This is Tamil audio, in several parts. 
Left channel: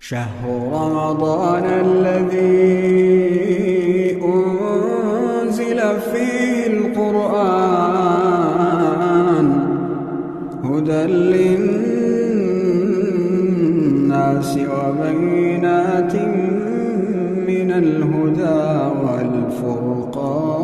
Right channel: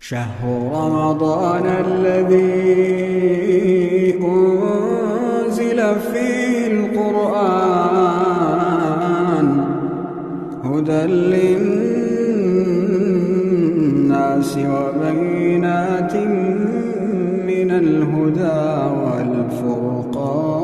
شهر رمضان الذي أنزل فيه القرآن هدى للناس وبينات من الهدى والفرقان.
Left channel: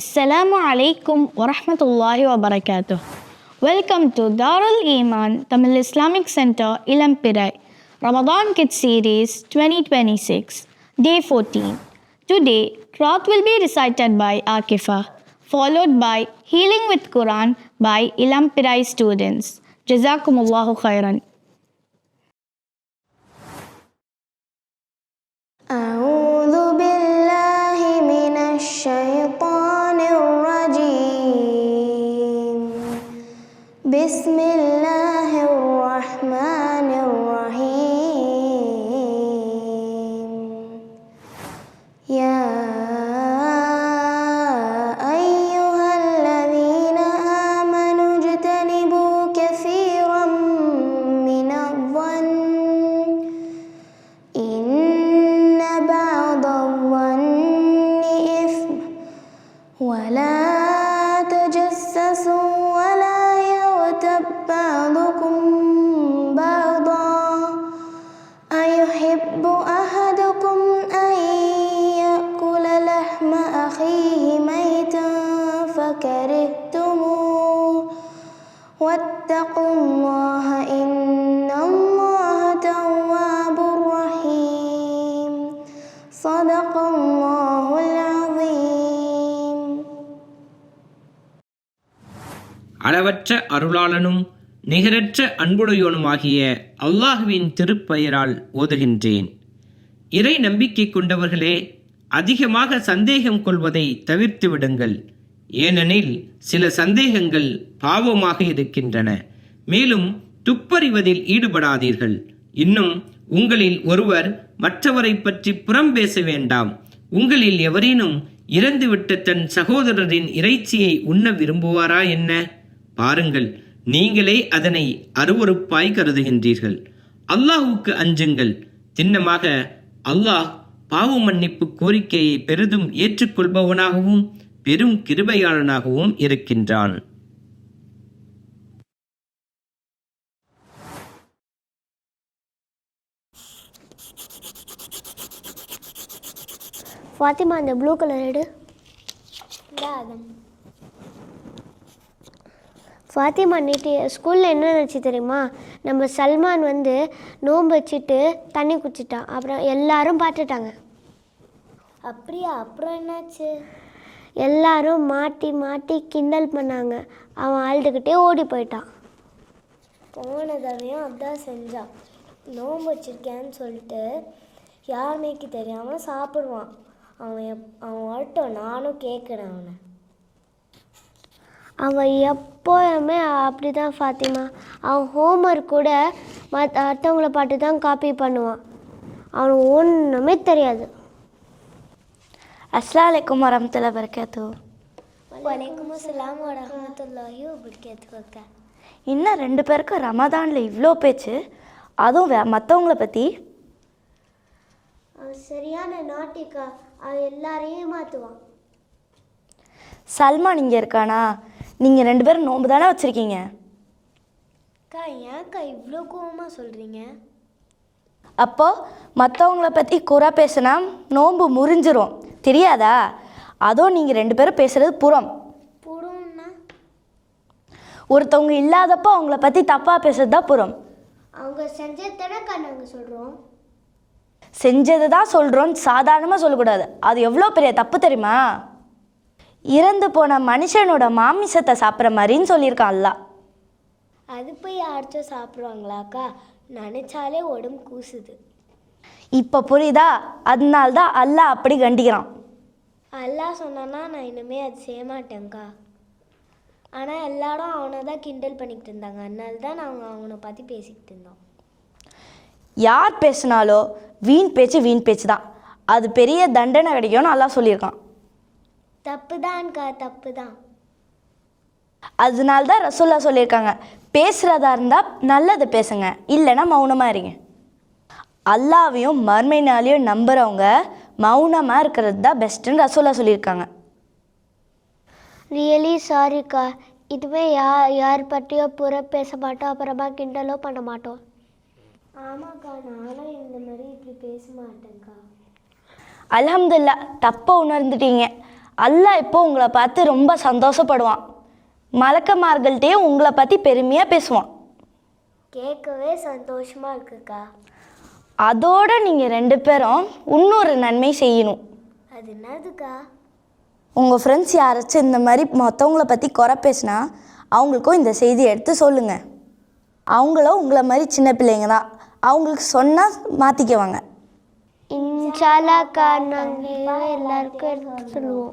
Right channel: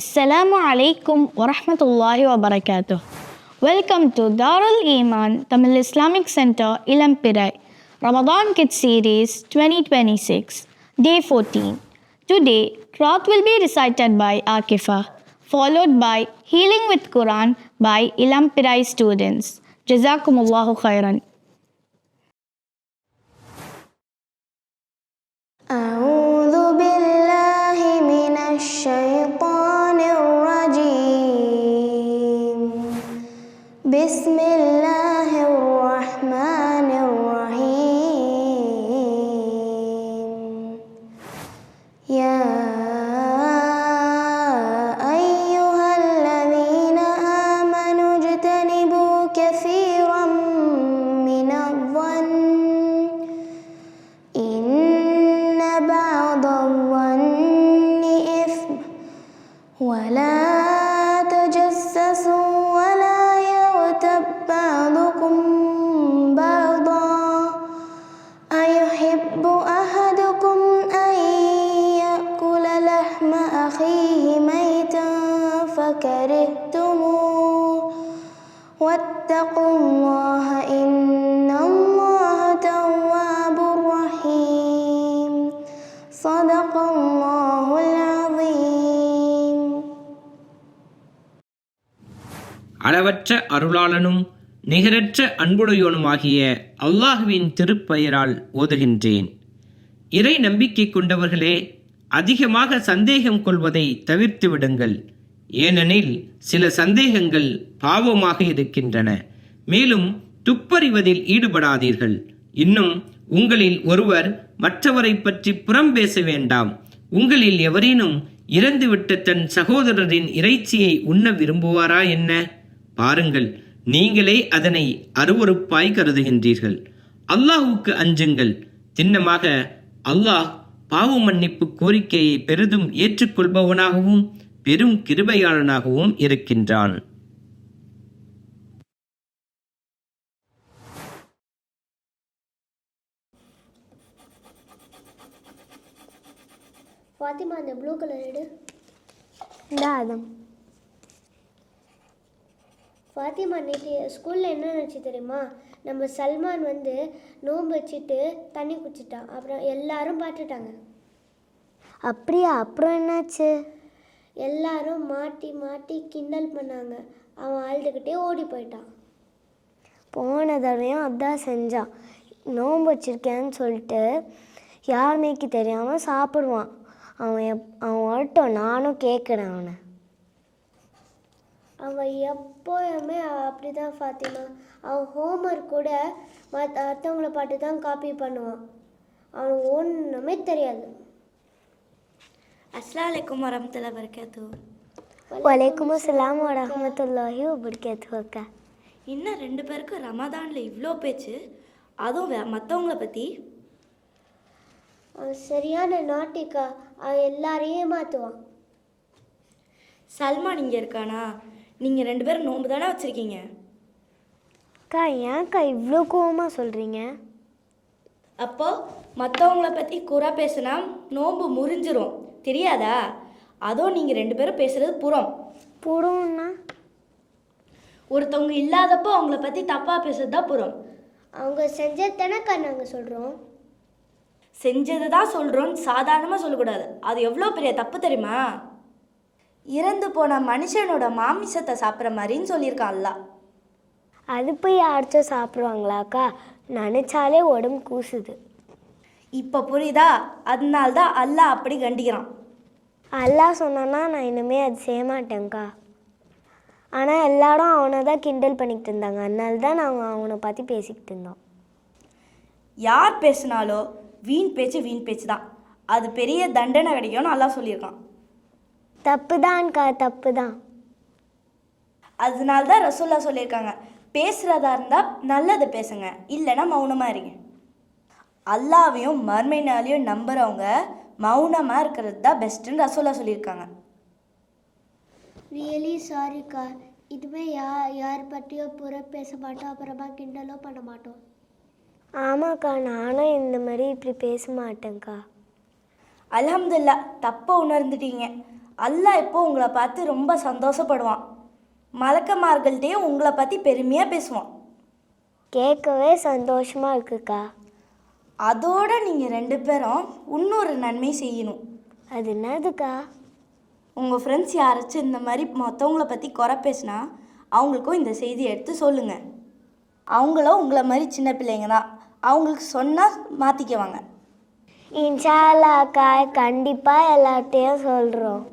Assalamu alaikum wa rahmatullahi wa barakatuh. Welcome to Darul Iman Tamil Islamic Center, Ilampirai, Ramadan Kids Series 2026, Day 14. Today, Qur'an will be recited by Akifa, followed by Healing with Quran by Ilampirai students. Jazakumullahu khairan. أعوذ بالله من الشيطان الرجيم. بسم الله الرحمن الرحيم. يا أيها الذين آمنوا اجتنبوا كثيرا من الظن إن بعض الظن إثم ولا تجسسوا ولا يغتب بعضكم بعضا أيحب أحدكم أن يأكل لحم أخيه ميتا فكرهتموه واتقوا الله إن الله تواب رحيم. صدق الله العظيم. அளவற்ற அருளாளனும் நிகரற்ற அன்புடையோனுமாகிய அல்லாஹுவின் திருப்பெயரால் ஓதுகின்றேன். இறை நம்பிக்கை கொண்டவர்களே, அதிகமாக சந்தேகம் கொள்வதை தவிர்த்து விடுங்கள். ஏனெனில் சில சந்தேகங்கள் பாவமாக இருக்கின்றன. மேலும் துப்பறிவதில் ஈடுபடாதீர்கள். இன்னும் உங்களில் ஒருவர் மற்றவரை பற்றி புறம் பேச வேண்டாம். உங்களில் எவரேனும் இறந்துவிட்ட தன் சகோதரரின் இறைச்சியை உண்ண விரும்புவாரா என்ன? பாருங்கள், நீங்களே அதனை அருவருப்பாய் கருதுகின்றீர்கள். அல்லாஹுக்கு அஞ்சுங்கள். திண்ணமாக அல்லாஹ் பாவ மன்னிப்பு கோரிக்கையை பெரிதும் ஏற்றுக்கொள்பவனாகவும் பெரும் கிருபையாளனாகவும் இருக்கின்றான். ஃபாத்திமா, அந்த ப்ளூ கலர் எடு. ஆதம். ஃபாத்திமா, நேற்று ஸ்கூலில் என்ன நினச்சி தெரியுமா? நம்ம சல்மான் நோன்பு வச்சுட்டு தண்ணி குடிச்சிட்டான். அப்புறம் எல்லாரும் பார்த்துட்டாங்க. அப்படியா? அப்புறம் என்னாச்சு? எல்லாரும் மாட்டி மாட்டி கிண்டல் பண்ணாங்க. அவன் அழுதுகிட்டே ஓடி போயிட்டான். போன தடவையும் அதான் செஞ்சான். நோன்பு வச்சுருக்கேன்னு சொல்லிட்டு யாருமேக்கு தெரியாமல் சாப்பிடுவான். அவன் வரட்டும், நானும் கேட்குறேன் அவனை. அவன் எப்போயுமே அப்படி தான் ஃபாத்திமா. அவன் ஹோம்ஒர்க் கூட அடுத்தவங்கள பாட்டு தான் காப்பி பண்ணுவான். அவனுக்கு ஒன்றுமே தெரியாது. அஸ்ஸலாமு அலைக்கும் வரஹ்மத்துல்லாஹி வபரகாத்துஹு. வலைக்கும் அஸ்ஸலாம் வரஹ்மத்துல்லாஹி வபரகாத்துஹு. அக்கா, இன்னும் 2 பேருக்கு ரமதானில் இவ்வளோ பேச்சு, அதுவும் மற்றவங்கள பற்றி. சரியான நாட்டிக்கா. அவன் எல்லாரையும் மாற்றுவான். சல்மான் இங்கே இருக்கானா? நீங்கள் 2 பேரும் நோன்பு தானே வச்சுருக்கீங்க? அக்கா, ஏன்க்கா இவ்வளோ கோவமாக சொல்கிறீங்க? அப்போது மற்றவங்கள பற்றி குறை பேசினா நோன்பு முறிஞ்சிரும், தெரியாதா? அதுவும் நீங்கள் 2 பேரும் பேசுகிறது புறம்னா ஒருத்தவங்க இல்லாதப்போ அவங்கள பற்றி தப்பாக பேசுறது தான் புறம். அவங்க செஞ்சது தானேக்கா நாங்கள் சொல்கிறோம். செஞ்சது தான் சொல்கிறோன்னு சாதாரணமாக சொல்லக்கூடாது. அது எவ்வளோ பெரிய தப்பு தெரியுமா? இறந்து போன மனுஷனோட மாமிசத்தை சாப்பிட்ற மாதிரின்னு சொல்லியிருக்கான் அல்லாஹ். அது போய் யாராச்சும் சாப்பிடுவாங்களாக்கா? நினச்சாலே உடம்பு கூசுது. இப்போ புரியுதா? அதனால்தான் அல்லாஹ் அப்படி கண்டிக்கிறான். அல்லாஹ் சொன்னான்னா நான் இனிமேல் அது செய்ய மாட்டேங்க்கா. ஆனால் எல்லாரும் அவனை தான் கிண்டல் பண்ணிக்கிட்டு இருந்தாங்க. அதனால தான் நாங்கள் அவனை பற்றி பேசிக்கிட்டு இருந்தோம். யார் பேசினாலோ வீண் பேச்சு தான். அது பெரிய தண்டனை கிடைக்கும்னு அல்லாஹ் சொல்லியிருக்கான். தப்பு தான்க்கா, தப்பு தான். அதனால தான் ரசூலுல்லாஹ் சொல்லியிருக்காங்க, பேசுகிறதா இருந்தால் நல்லதை பேசுங்க, இல்லைன்னா மௌனமாக இருங்க. அல்லாவையும் மறுமை நாளையும் நம்புகிறவங்க மௌனமாக இருக்கிறது தான் பெஸ்ட்டுன்னு ரசூலுல்லாஹ் சொல்லியிருக்காங்க. ரியலி சாரிக்கா. இதுவே யார் பற்றியோ பேச மாட்டோம், அப்புறமா கிண்டலோ பண்ண மாட்டோம். ஆமாக்கா, நானும் இந்த மாதிரி இப்படி பேச மாட்டேங்க்கா. அல்ஹம்துலில்லாஹ், தப்பாக உணர்ந்துட்டீங்க. அல்லாஹ் இப்போ உங்களை பார்த்து ரொம்ப சந்தோஷப்படுவான். மலக்குமார்கள்ட்டையும் உங்களை பற்றி பெருமையாக பேசுவான். கேட்கவே சந்தோஷமாக இருக்குக்கா. அதோடு நீங்கள் 2 பேரும் இன்னொரு நன்மை செய்யணும். அது என்னதுக்கா? உங்கள் ஃப்ரெண்ட்ஸ் யாராச்சும் இந்த மாதிரி மற்றவங்கள பற்றி குறை பேசினா அவங்களுக்கும் இந்த செய்தியை எடுத்து சொல்லுங்கள். அவங்களும் உங்களை மாதிரி சின்ன பிள்ளைங்க தான், அவங்களுக்கு சொன்னால் மாற்றிக்குவாங்க. இன்ஷா அல்லாஹ் கண்டிப்பாக எல்லாத்தையும் சொல்கிறோம்.